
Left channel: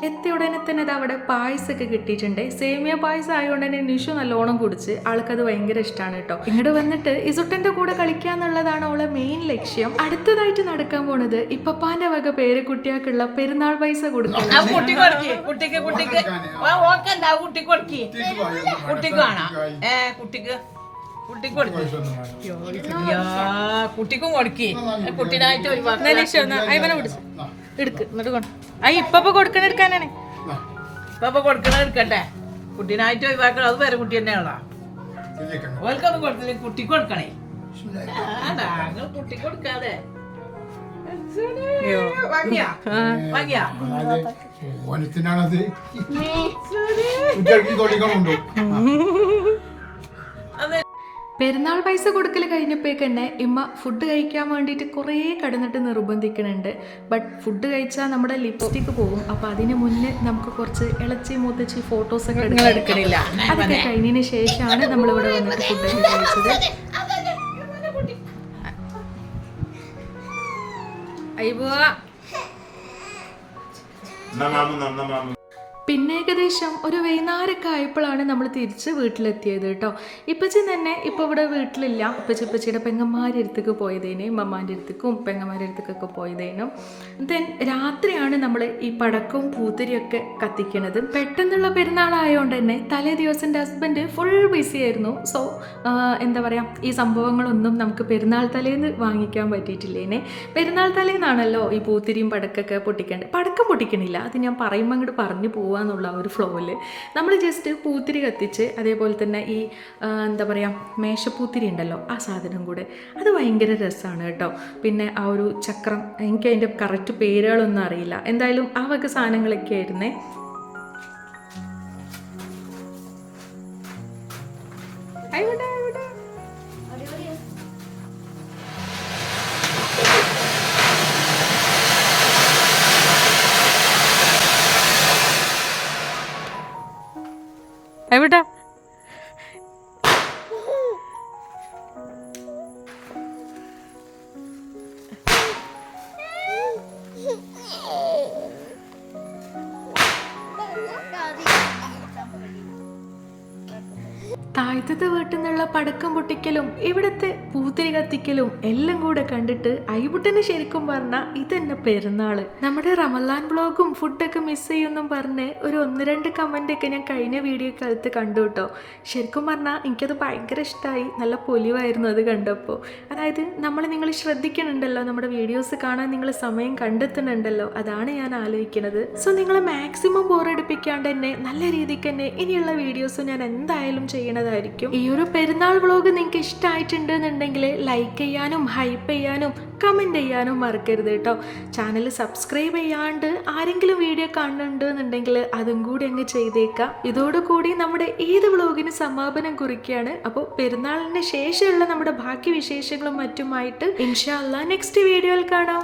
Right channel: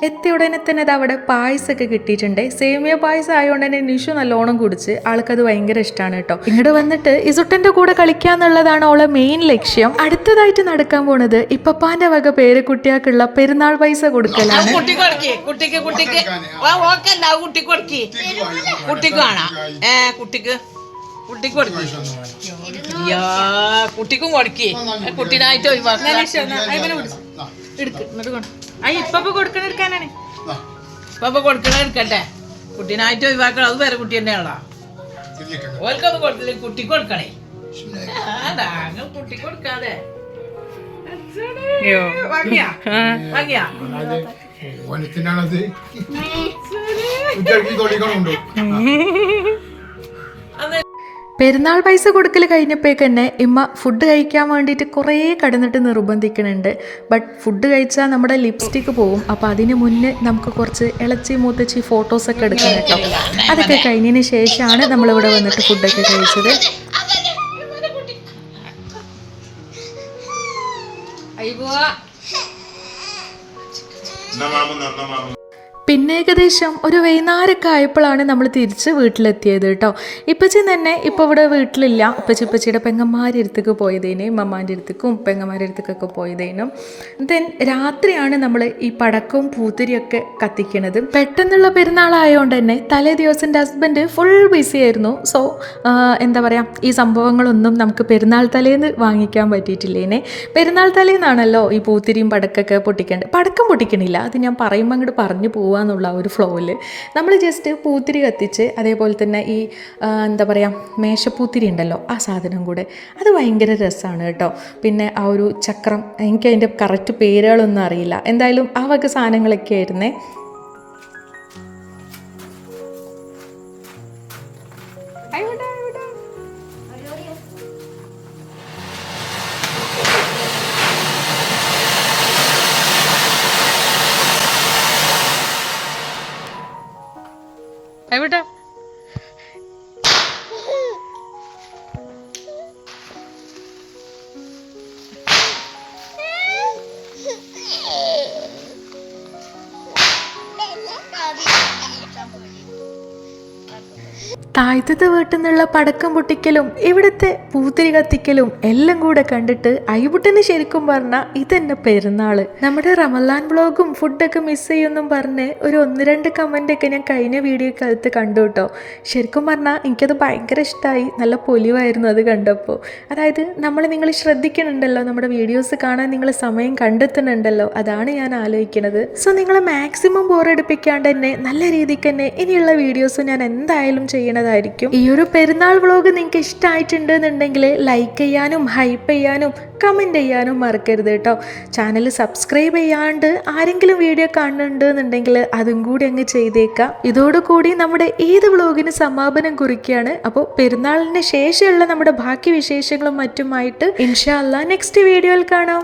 എത്തിയ ഉടനെ തന്നെ ഇത് അവിടെ പായസമൊക്കെ കിട്ടിയിട്ടുണ്ട്. സേമിയ പായസം ആയതുകൊണ്ട് തന്നെ നിഷു നല്ലോണം കുടിച്ച്, ആൾക്കത് ഭയങ്കര ഇഷ്ടമാണ് കേട്ടോ. ഇങ്ങോട്ട് വന്നിട്ട് ഇസുട്ടൻ്റെ കൂടെ കളിക്കാന്നുള്ളതാണ് അവളെ മെയിൻ ലക്ഷ്യം. അടുത്തതായിട്ട് നടക്കാൻ പോണത് ഇപ്പപ്പാൻ്റെ വക പേരക്കുട്ടിയാക്കുള്ള പെരുന്നാൾ പൈസ കൊടുക്കലാണ്. കുട്ടിക്കും കൊടുക്കേ കുട്ടീനായിട്ട് ഇപ്പൊ കൊടുക്കണ എടുക്കാനാണ്. ഇപ്പൊ കൊടുക്കണ എടുക്കട്ടെ, കുട്ടീനായിട്ട് ഒഴിവാക്കണം. അത് വേറെ കുട്ടി തന്നെയാണോ? ഓൽക്കൊന്നും കൊടുത്തില്ല, കുട്ടിക്ക് കൊടുക്കണേ. കുട്ടി കൊടുക്കാതെ പെരുന്നാൾ പൈസ കൊടുക്കൽ കഴിഞ്ഞപ്പോഴേക്ക് തന്നെ ഇമ്മ ഫുഡ് കഴിക്കാൻ വേണ്ടിയിട്ട് കുറേ കടന്നിട്ട് നിർബന്ധിക്കുന്നുണ്ട്. ബട്ട് ഫുഡ് കഴിച്ചാൽ നമ്മുടെ ലിപ്സ്റ്റിക്ക് പോവും. അപ്പോൾ അതിന് മുന്നേ നമുക്ക് കുറച്ച് ഇളച്ചി മൂത്തച്ചി ഫോട്ടോസൊക്കെ എടുക്കാൻ. അതൊക്കെ കഴിഞ്ഞതിന് ശേഷമാണ് നമ്മളിവിടെ വന്നിട്ട് ഫുഡൊക്കെ കഴിച്ചത്. പിന്നെ ഏകദേശം ഒരു വൈകുന്നേരമൊക്കെ ആയപ്പോഴാണ് നമ്മൾ തിരിച്ച് വീട്ടിലെത്തിയത് കേട്ടോ. ഇപ്പച്ചി തന്നെ ഇപ്പോൾ ഇവിടെ വീട്ടിലില്ല. ഇപ്പച്ചിയുടെ പെങ്ങന്മാരുടെ അടുത്തേക്ക് പോയതേനും മമ്മാൻ്റെ അടുത്തേക്കും പെങ്ങന്മാരുടെ അടുത്തേക്കൊക്കെ പോയതേനും. ദെൻ രാത്രിയാണ് നമ്മൾ ഈ പടക്കവും പൂത്തിരിയൊക്കെ കത്തിക്കണത്. പെട്ടെന്നുള്ള പെരുന്നാളായതുകൊണ്ട് തന്നെ തലേ ദിവസം എൻ്റെ ഹസ്ബൻഡ് ഫുൾ ബിസി ആയിരുന്നു. സോ എന്താ പറയുക, ഈ സംഭവങ്ങളൊന്നും നമുക്ക് പെരുന്നാൾ തലേന്ന് വാങ്ങിക്കാൻ പറ്റിയിട്ടില്ലേനെ. പെരുന്നാൾ തലേന്നാണല്ലോ ഈ പൂത്തിരിയും പടക്കൊക്കെ പൊട്ടിക്കേണ്ടത്. പടക്കം പൊട്ടിക്കണില്ല, അത് ഞാൻ പറയുമ്പോൾ അങ്ങോട്ട് പറഞ്ഞു പോവാന്നുള്ള ഒരു ഫ്ലോയിൽ നമ്മൾ ജസ്റ്റ് പൂത്തിരി കത്തിച്ച്, അതേപോലെ തന്നെ ഈ എന്താ പറയുക മേശപ്പൂത്തിരി ഉണ്ടല്ലോ ആ സാധനം കൂടെ, അത് ഭയങ്കര രസമാണ് കേട്ടോ. പിന്നെ ആ ഒരു ചക്രം, എനിക്ക് അതിൻ്റെ കറക്റ്റ് പേരുകളൊന്നും അറിയില്ല, എന്തായാലും ആ വക സാധനങ്ങളൊക്കെ ആയിരുന്നേ. എവിടെ താഴത്തെ വീട്ടിൽ നിന്നുള്ള പടക്കം പൊട്ടിക്കലും ഇവിടുത്തെ പൂത്തിരി കത്തിക്കലും എല്ലാം കൂടെ കണ്ടിട്ട് ഐബുട്ടന് ശരിക്കും പറഞ്ഞാൽ ഇതെന്നെ പെരുന്നാൾ. നമ്മുടെ റമലാൻ വ്ളോഗും ഫുഡൊക്കെ മിസ് ചെയ്യുമെന്നും പറഞ്ഞ് ഒരു 1-2 കമൻ്റൊക്കെ ഞാൻ കഴിഞ്ഞ വീഡിയോക്കകത്ത് കണ്ടു കേട്ടോ. ശരിക്കും പറഞ്ഞാൽ എനിക്കത് ഭയങ്കര ഇഷ്ടമായി. നല്ല പൊലിവായിരുന്നു അത് കണ്ടപ്പോൾ. അതായത് നിങ്ങൾ ശ്രദ്ധിക്കുന്നുണ്ടല്ലോ, നമ്മുടെ വീഡിയോസ് കാണാൻ നിങ്ങൾ സമയം കണ്ടെത്തുന്നുണ്ടല്ലോ, അതാണ് ഞാൻ ആലോചിക്കുന്നത്. സോ നിങ്ങളെ മാക്സിമം ബോറടിപ്പിക്കാണ്ട് തന്നെ നല്ല രീതിക്ക് തന്നെ ഇനിയുള്ള വീഡിയോസ് ഞാൻ എന്തായാലും ചെയ്യണതായിരിക്കും. ഈ ഒരു പെരുന്നാൾ വ്ളോഗ് നിങ്ങൾക്ക് ഇഷ്ടമായിട്ടുണ്ടെന്നുണ്ടെങ്കിൽ ലൈക്ക് ചെയ്യാനും ഹൈപ്പ് ചെയ്യാനും കമൻറ്റ് ചെയ്യാനും മറക്കരുത് കേട്ടോ. ചാനൽ സബ്സ്ക്രൈബ് ചെയ്യാണ്ട് ആരെങ്കിലും വീഡിയോ കാണുന്നുണ്ടെന്നുണ്ടെങ്കിൽ അതും കൂടി അങ്ങ് ചെയ്തേക്കാം. ഇതോടുകൂടി നമ്മുടെ ഈദ് വ്ളോഗിന് സമാപനം കുറിക്കുകയാണ്. അപ്പോൾ പെരുന്നാളിന് ശേഷമുള്ള നമ്മുടെ ബാക്കി വിശേഷങ്ങളും മറ്റുമായിട്ട് ഇൻഷാ അല്ലാഹ് നെക്സ്റ്റ് വീഡിയോയിൽ കാണാം.